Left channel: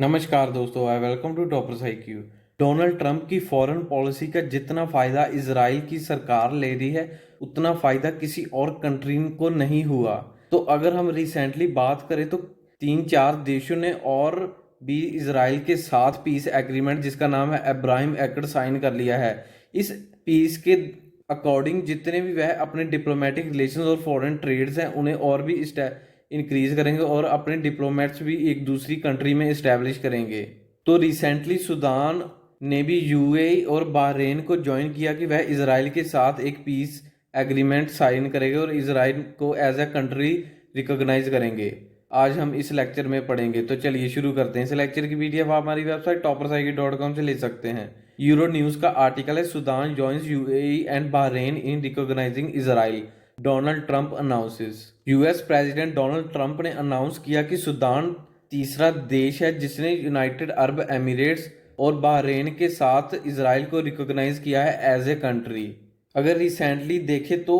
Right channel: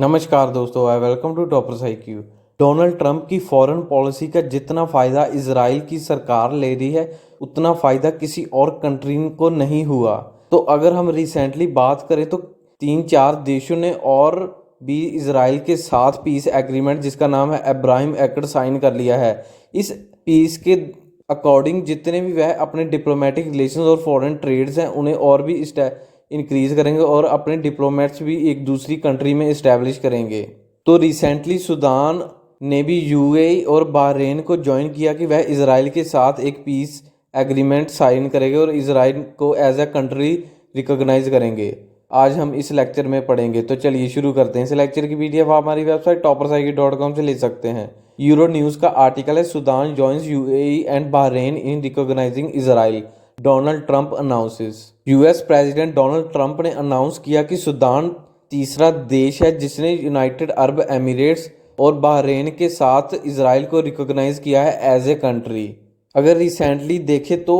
नमस्कार दोस्तों, I welcome to toppers IQ। Donald Trump की फॉरेन पॉलिसी का जितना फ़ायदा इजराइल की सरकार ले रही है उतना फ़ायदा किसी और कंट्री को नहीं हुआ। तो अगर हम रिसेंटली बात करें तो 3-4 देशों ने और भी इजराइल के साथ पीस एग्रीमेंट जिसका नाम है अब्राहम एक्ट साइन कर लिया है। इस पीस के अकॉर्डिंग जितने भी वह अपने डिप्लोमेटिक रिलेशंस और फॉरेन ट्रेड्स हैं उन्हें और भी इंक्रीज करेंगे और अपने डिप्लोमेट्स भी एक दूसरी कंट्री में इस्टेब्लिश करेंगे। तो रिसेंटली सूडान ने भी UAE और बहरीन को ज्वाइन किया कि वह इजराइल के साथ एक पीस एग्रीमेंट साइन करेंगे और इजराइल को एज ए कंट्री रिकॉग्नाइज करेंगे। आज हम इस लेक्चर में पढ़ेंगे, तो चलिए शुरू करते हैं। इस लेक्चर की PDF आप हमारी वेबसाइट toppersIQ.com से ले सकते हैं। यूरो न्यूज़ का आर्टिकल है, Sudan joins UAE and Bahrain in recognising Israel, Donald Trump announces. US president Donald Trump ने अनाउंस किया कि सूडान तीसरा देश है जिसने यूनाइटेड अरब एमिरेट्स और बहरीन के साथ इजराइल को रिकॉग्नाइज किया है एज ए कंट्री। अगर रिसेंटली देखें तो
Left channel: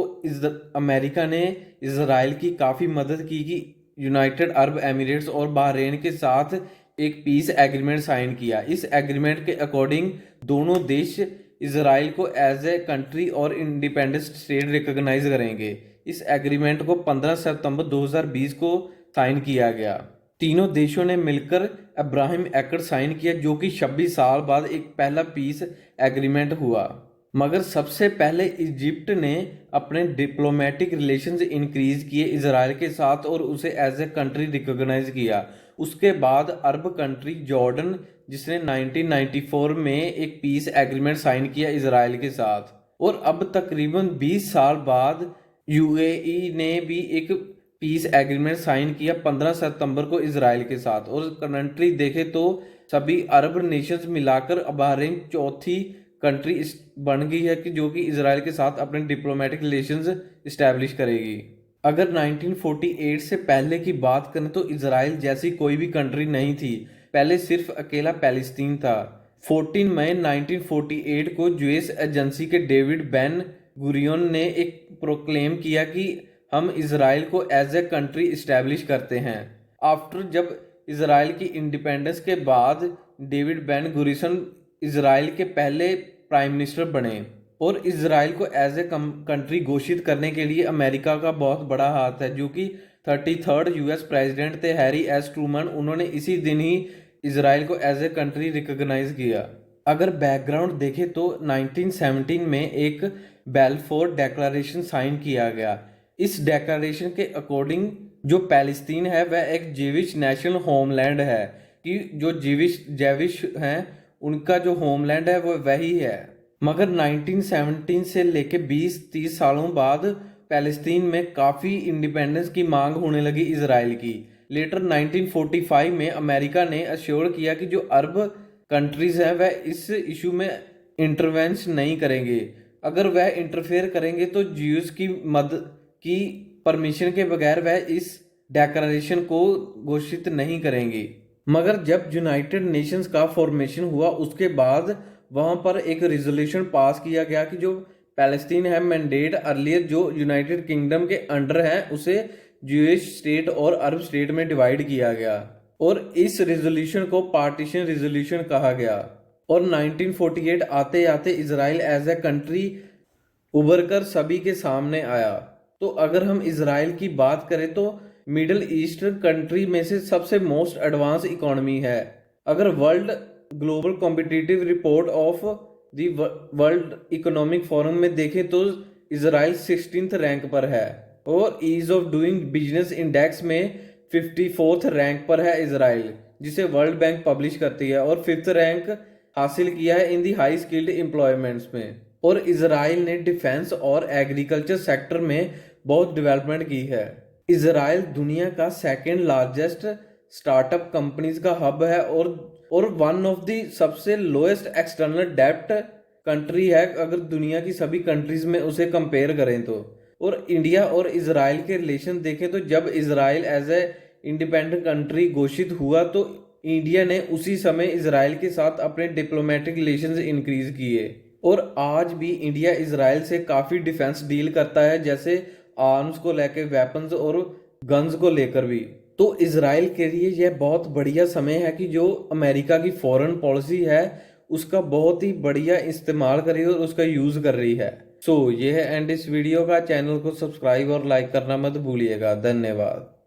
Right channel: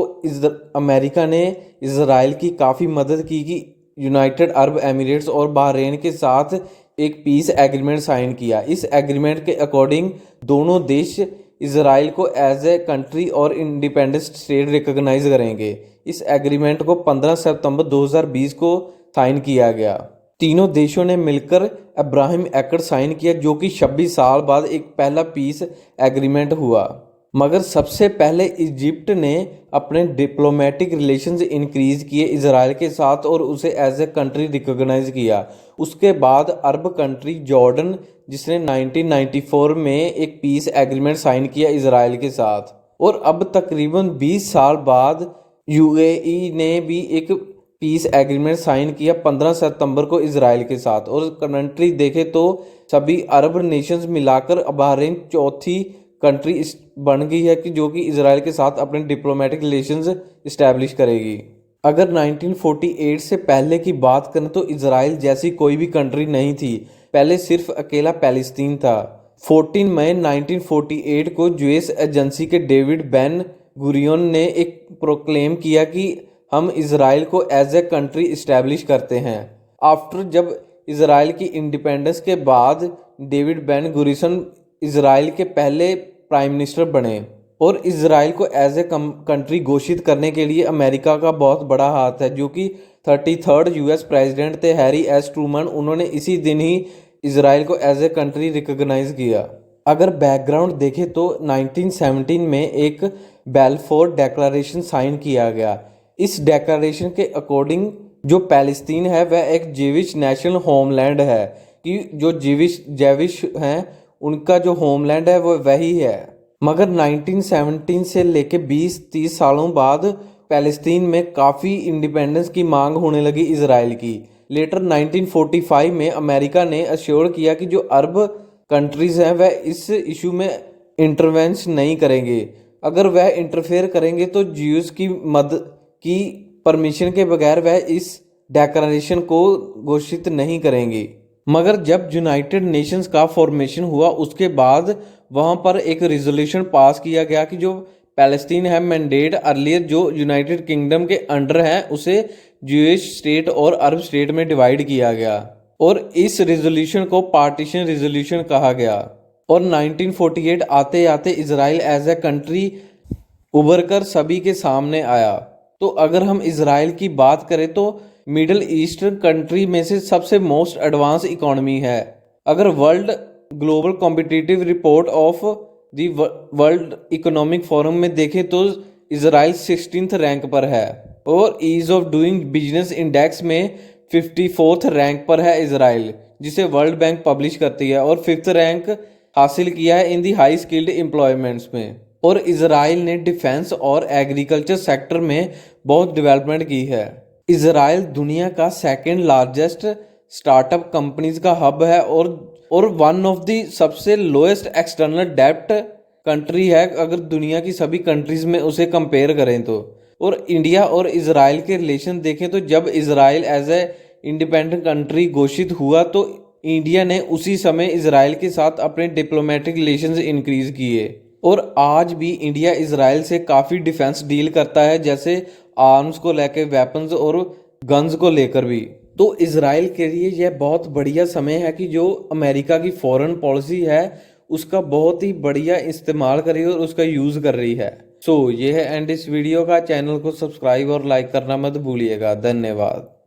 अमेरिका ने इजराइल की काफ़ी मदद की कि यूनाइटेड अरब एमिरेट्स और बहरीन के साथ एक पीस एग्रीमेंट साइन किया। इस एग्रीमेंट के अकॉर्डिंग दोनों देश इजराइल को एज ए कंट्री और इंडिपेंडेंट स्टेट रिकॉग्नाइज करेंगे। इस एग्रीमेंट को 15 सितंबर 2020 को साइन किया गया। तीनों देशों ने मिलकर अब्राहम एक्ट साइन किया जो कि 26 साल बाद एक पहला पीस एग्रीमेंट हुआ। मगर सबसे पहले इजिप्ट ने अपने डिप्लोमेटिक रिलेशंस इंक्रीज किए इजराइल के साथ और उसे एज ए कंट्री रिकॉग्नाइज किया। उसके बाद अरब कंट्री जॉर्डन जिसने 1994 में एक पीस एग्रीमेंट साइन किया इजराइल के साथ, और अब तकरीबन 20 साल बाद UAE ने भी एक पीस एग्रीमेंट साइन किया 15 सितंबर को इजराइल के साथ। और कंट्री देखें तो सभी अरब नेशंस मिलाकर बहरीन चौथी कंट्री बन गई है कि जो कि इजराइल के साथ अपने डिप्लोमेटिक रिलेशंस इस्टेब्लिश करेगी। अगर 1948 से पहले की बात करें तो इजराइल जैसी कोई भी कंट्री नहीं थी, पहले सिर्फ अकेला पैलेस्तीन था। 14 मई 1948 को यूएस एजेंसी के डेविड बेन गुरियन ने एक प्रोक्लेम किया कि हम इजराइल को एज ए कंट्री इस्टेब्लिश करते हैं। आफ्टर जब इजराइल की इंडिपेंडेंस के बाद डेविड बेन गुरियन इजराइल के पहले प्राइम मिनिस्टर बने और इजराइल को एज ए कंट्री घोषित करने के लिए अमेरिका का बहुत बड़ा हाथ है, जो कि 33rd US प्रेसिडेंट थे हैरी एस ट्रूमन। उन्होंने इसी दिन ही इजराइल को एज ए कंट्री रिकॉग्नाइज किया। अगर बैकग्राउंड देखें तो 1917 में एक बेलफोर डेक्लेरेशन साइन किया गया। इस डेक्लेरेशन के अकॉर्डिंग जो पैलेस्तीन है वह एक जीविश नेशनल होमलैंड है, कि जो जेविश हैं उनका जो होमलैंड है वो वही है। मगर 1917 से लेके 20-30 सालों बाद पैलेस्तीन में काफ़ी इंडिपेंडेंस की मांग होने लगी इजराइल की। लेटर 1945 में अमेरिका ने अश्योर किया कि जो अरब कंट्रीज़ हैं वह इस इशू में इंटरवेंस नहीं करेंगे। अगर वह इंटरफेयर करेंगे तो ज्यूज़ की मदद की परमिशन के बगैर वह इस डेक्लेरेशन को घोषित नहीं करेंगे। मगर जब यूनाइटेड नेशंस का फॉर्मेशन हुआ उसके बाद वहाँ पर एक रिजोल्यूशन पास किया गया कि जो पैलेस्टीन है मैंडेट अर्लियर जो यूनाइटेड किंगडम के अंडर है उसे ज्यूइश स्टेट और अरब स्टेट में डिवाइड किया गया और इस रिजोल्यूशन को पार्टीशन रिजोल्यूशन कहा गया। और 1948 आते आते इजराइल एज ए कंट्री उभर कर सभी के सामने आया। तो अगर हम इजराइल की बात करें तो मिडल ईस्टर्न कंट्री में से सबसे मोस्ट एडवांस इकोनॉमी है। अगर world global competitive report of the world economic forum में देखें तो इजराइल 16th रैंक पर है और ease of doing business index में 54th रैंक पर है इजराइल, जिसे वर्ल्ड बैंक पब्लिश करती है, और 5th रैंक हासिल किया है इन दी हाई स्किल्ड एम्प्लॉयमेंट्स में। और इजराइल ने डिफेंस और एग्रीकल्चर सेक्टर में बहुत डेवलपमेंट की है। इजराइल दुनिया का सेकेंड लार्जेस्ट स्टार्टअप कंपनीज का हब है और वन ऑफ द सबसे लोएस्ट एक्सटर्नल डेब्ट कंट्री है अगर दुनिया की सभी कंट्रीज में उसे कंपेयर करें तो। और इंडिया और इजराइल के रिलेशन देखें तो जब Israel as a independent country घोषित हुआ तो इंडिया ने उसी समय इजराइल के साथ अपने डिप्लोमेटिक रिलेशंस इंक्रीज किए। और आज भी इंडिया इजराइल से काफ़ी डिफेंस डील करता है, जैसे आर्म्स को लेकर, वेपन्स और गन्स को लेकर भी। तो इसराइल के लिए यह बहुत बढ़िया समय है कि जो अमेरिका की फॉरेन पॉलिसी है उसका बहुत ही बढ़िया इस्तेमाल कर रही है और उसका यूज़ कर रही है। सो ये है एंड इस वीडियो का। चैनल को सब्सक्राइब और लाइक करना मत भूलिएगा। धन्यवाद।